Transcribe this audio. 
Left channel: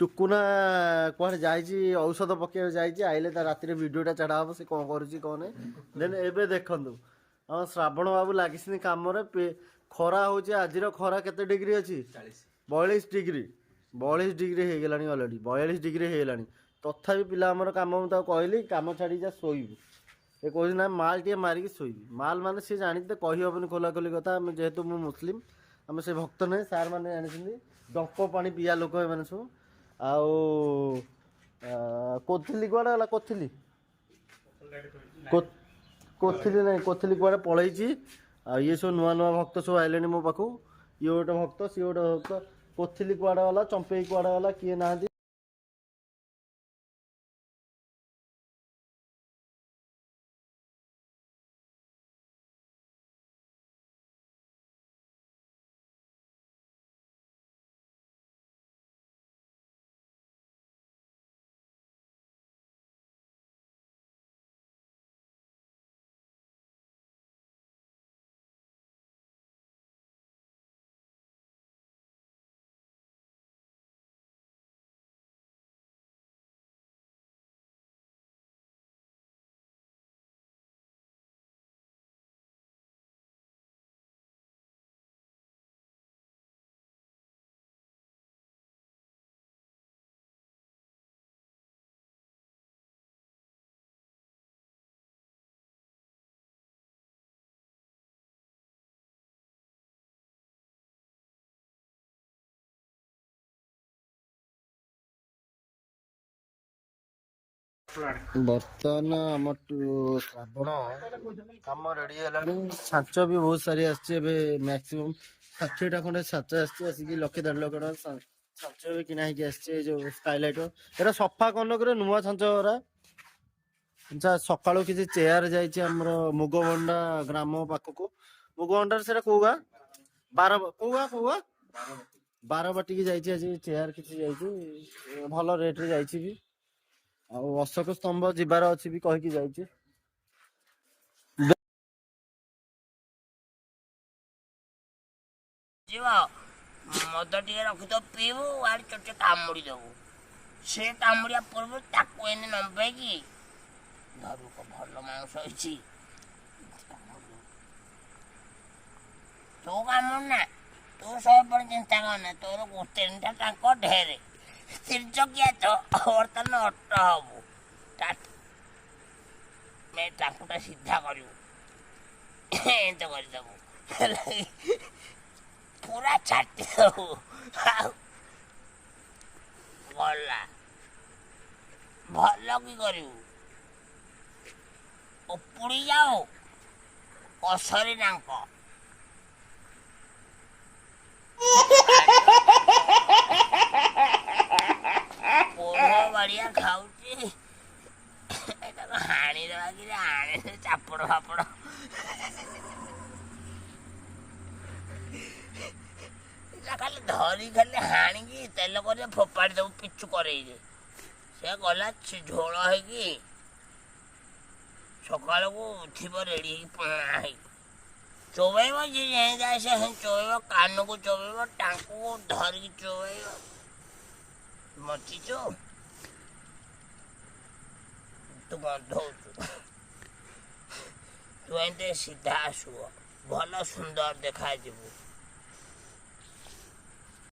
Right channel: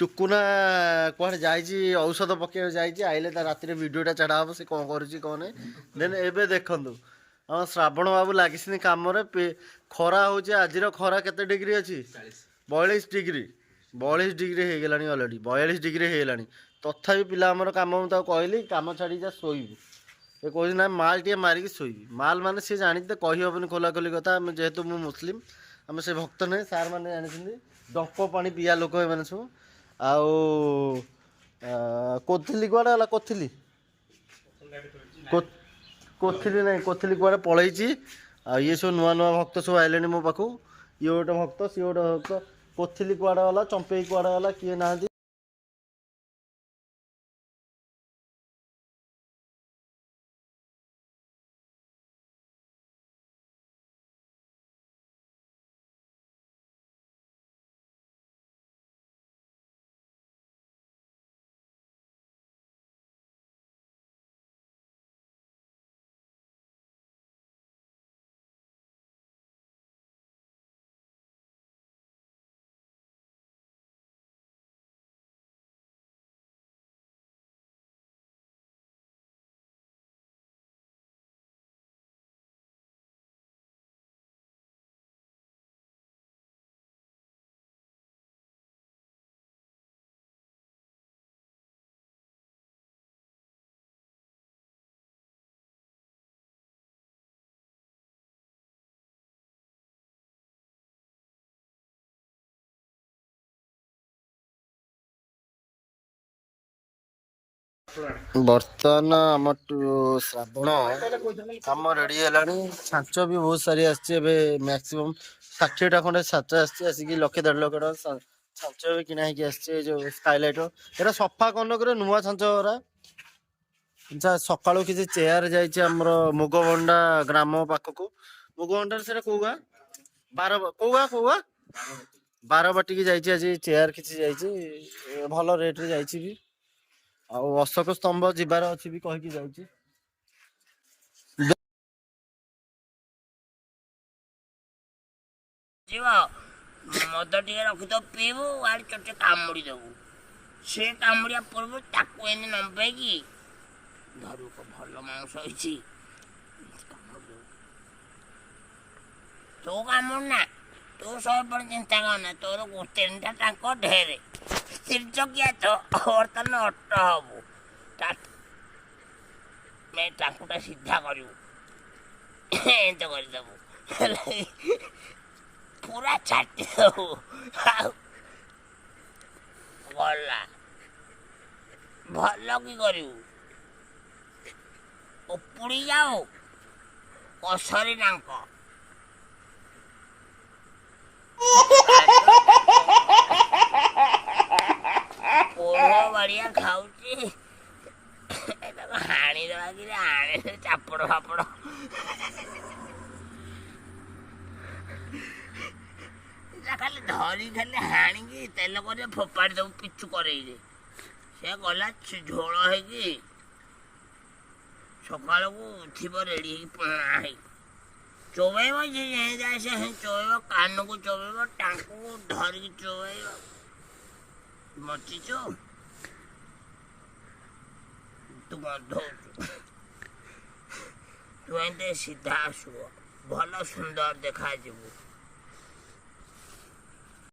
ଟୁକୁନା କୁଆଡ଼େ ଯାଇଛି ଔଷଧ ପକେଇବାକୁ ଯାଇଛି, ଆଇଲେ ତା ରାତିରେ ଭିଡ଼ିଓଟା ଛାଡ଼ା ହେବ ସେ କ'ଣ କରୁଛି କ'ଣ ନାହିଁ। ଦେନ୍ ଏବେ ଦେଖନ୍ତୁ ଆମ ଶ୍ରାବଣ ବାବୁ ଲାଗିଛନ୍ତି କାମରେ। ଖରା ହେଉଛି, ଆଜିର ଖରା କେତେ ଡିଗ୍ରୀ ଅଛି? 42 ଡିଗ୍ରୀ। 42 ଡିଗ୍ରୀ ହେଇଗଲାଣି, ଅଲରେଡ଼ି 42 ଡିଗ୍ରୀ ହେଇଗଲାଣି। ତଥାପି ପିଲା ଆମର କାମ, ମୁଁ ତାକୁ କହିଲି କାମ ଛାଡ଼ିକି ଯା ଶୋଇବୁ। ଏ କହୁଛି ନା ମାଲ ଟିକେ ମାରିକି ଶୋଇବି। ମାଲ ମାନେ ସିଏ ଜାଣିଛି ତ, କହିହେବନି ଖୋଲାଖୋଲି କଥା। ଆମେ ଯେହେତୁ ମୁଁ ମୁସଲିମ, ଆମେ ସେ ଭକ୍ତ ନାହିଁ। ସାର୍ ମାନେ ଜାଣିଛନ୍ତି ଡଙ୍କ ପାଣି ପିଇବା ଲୋକ ଏମାନେ ସବୁ। ଆଉ କୋଥିଲି କୁଆଡ଼େ ଗଲା? କୋଥିଲି ନାହିଁ, କୋଥିଲି କୁଆଡ଼େ ପଳେଇଛି। ଆଉ ଇଏ ସବୁ ନୂଆ ନୂଆ ଭକ୍ତ ସବୁ ଆଇଲେଣି ମୋ ପାଖକୁ। ଇଏ ଗୋଟେ ଭକ୍ତ, ସିଏ ଗୋଟେ ଭକ୍ତ। କୋଥିଲି କୁଆଡ଼େ ଗଲା, ଚମ୍ପେଇ କୁଆଡ଼େ ଗଲା, କିଏ ନାହାନ୍ତି। ବର୍ତ୍ତମାନ ଆମ ଶ୍ରାବଣ କାମ ରେଡ଼ି ହେଲାଣି। ଛାଞ୍ଚ ବି ବହୁତ ସାରି ଆସିଛି। ଏବେ ମ୍ୟାକ୍ସିମମ୍ 60ଟା ଖଣ୍ଡେ ଛାଞ୍ଚ ଆସିଛି। ଆସିକି 1,00,000-1,50,000 ଟଙ୍କା ଛାଞ୍ଚ ବି କିଣା ହେଇକି ଆସିଛି। ଏଇ ଯୋଉ ସ୍କାଇଲାଇଟର ଏଟା ସଫା କନକରେ ନୂଆ ଛାଞ୍ଚ ଗୁରା। ସକାଳୁ କିଛି ଚେୟାର ଯାଇଛି ଆମର ମୁଗବଣ୍ଡା ଗ୍ରାମ ପାଖକୁ। ମୁଗବଣ୍ଡାରେ ସେଟା କୋଉ ଗାଁ? କୋଉ ଗାଁ? ବାରବାଟିକି ଯାଇଛି। ଆଜି ଚେୟାର କିଛି ଯାଇଛି, ଭଲ ରେଟରେ ଯାଇଛି ବି। ଆଉ ଅଶୋକ ସ୍ତମ୍ଭ ଯିବାର ଅଛି ବି କହିକି ଯାଇଛି। ମଦ ଟିକେ ରଖିଦ ପିଇବୁ, ଆଡେ ଚୋଟେ କାମୁଡି ଦବୁ। ସେ କାମୁଡିବା ପୂର୍ବରୁ ତାକୁ ଏନେ ନମ୍ବେଇକି ଧରୁ, ଭଲ ମାଂସ ହେଇଛି। ତୁ କାମୁଡୁ ନା, ତୁ ସବୁବେଳେ ଚିନ୍ତା କରନା। ତୋର 3ଟା ଟାଙ୍କ ଢେରେ, ତିର୍ଚକିଆ ତ ବର୍ତ୍ତମାନ ଅଟ ହବୁ। ଟାଙ୍କୁଟା ସିଧା କରିବୁ, ଏମିତି କରିଦବୁ, ପୁରା ଛାଟି ଦବୁ। ଆଉ ଗଲା, ଭଲ କି କରିବୁ। ଉପୁଡ଼ି ଯାଉ କଷରି ଡାଙ୍କ। ପୋଢ଼ ବାଡ଼ିଆ ଖାଉଛି, ହାଣିଦେବା କିରେ, ହାଣିଲେ ଚାପଡ଼ ଫାପଡ଼। ଖାଲି ଧରି ଖାଲି ହାଣିକି ତେଲ କରି ଫୋପାଡ଼ି ଦେବୁ ପିଛୁ କରେଇରେ। ସେ ଗଲା ଝୋଳ ହେଇକି ସକାଳକୁ ଥିବ ରେଡ଼ି ହେଇକି ପୁଣା ହେଇକି ଚୋବେଇବ। ଯିଏ ଯେମିତି ଆସେ ଚୋବେଇବ, କାନକୁ ଚୋବେଇବ, ଟାଙ୍କୁକୁ ଧରିକି ଚୋବେଇବ। ମଚିଛୁ ତୁ ଗନ୍ଧଉଛୁ। ତୁ ଏମିତି ସିଧା ଆସିବ, ଭଲ ସୁନ୍ଦର ଦେଖାଯିବୁ।